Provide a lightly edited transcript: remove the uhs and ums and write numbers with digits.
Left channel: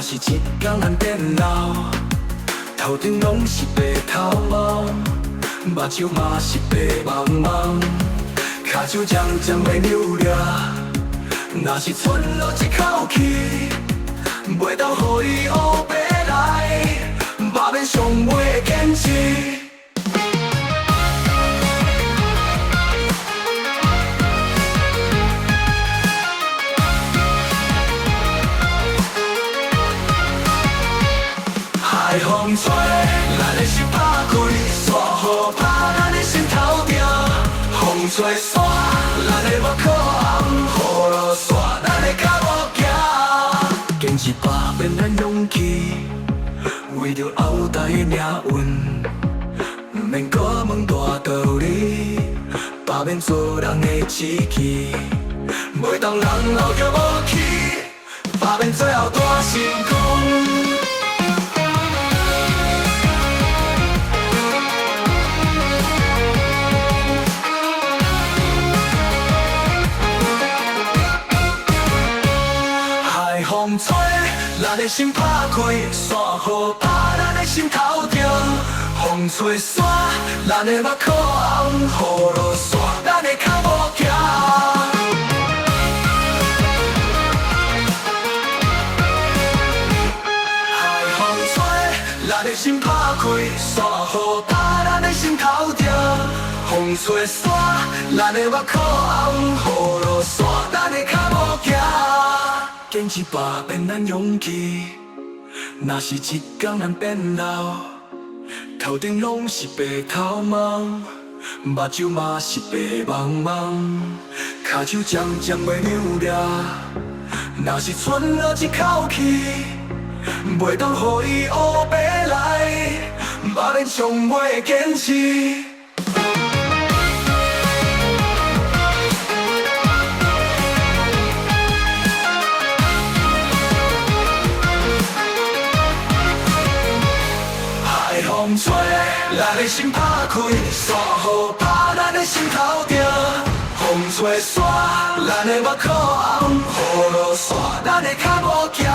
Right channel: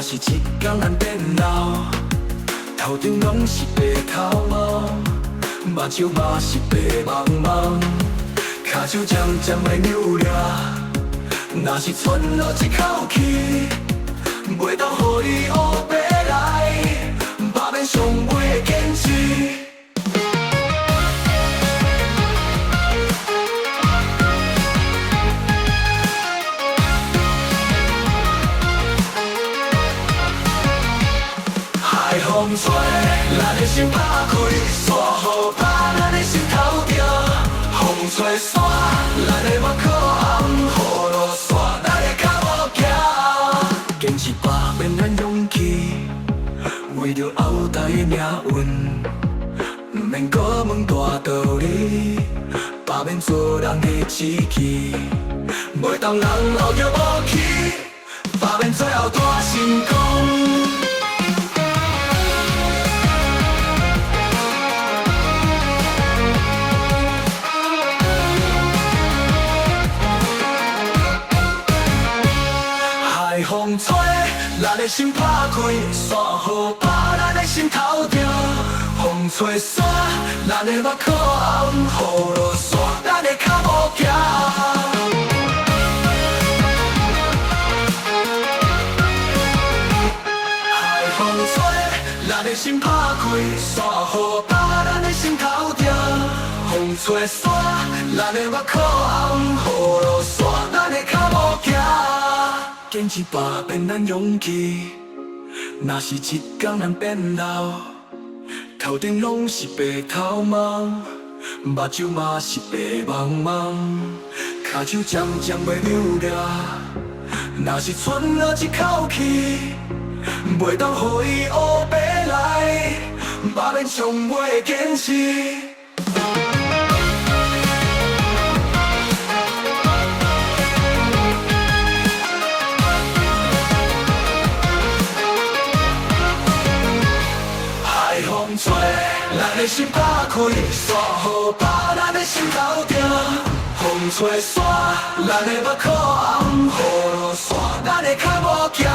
若是一天咱变老，头顶拢是白头毛，目睭嘛是白茫茫，脚手渐渐会扭裂。若是喘落一口气，袂当予伊黑白来，把面上袂坚持。海风吹，咱的心打开，山雨打咱的心头疼。风吹散，咱的目眶红，雨落散，咱的脚步行。坚持把变咱勇气，为着后代的命运，毋免搁问大道理，把面做人的志气，袂当人老着无气，把面最后大成功。海风吹，咱的心打开；山雨打，咱的心头疼。风吹散，咱的目眶红；雨落散，咱的脚步行。海风吹，咱的心打开；山雨打，咱的心头疼。风吹散，咱的目眶红；雨落散，咱的脚步行。坚持把变咱勇气，若是一天咱变老，头顶拢是白头毛，目睭嘛是白茫茫，脚手渐渐袂扭裂。若是喘落一口气，袂当予伊黑白来，把面上袂坚持。海风吹，咱的心打开；山雨打，咱的心头疼。风吹散，咱的目眶红；雨落散，咱的脚步行。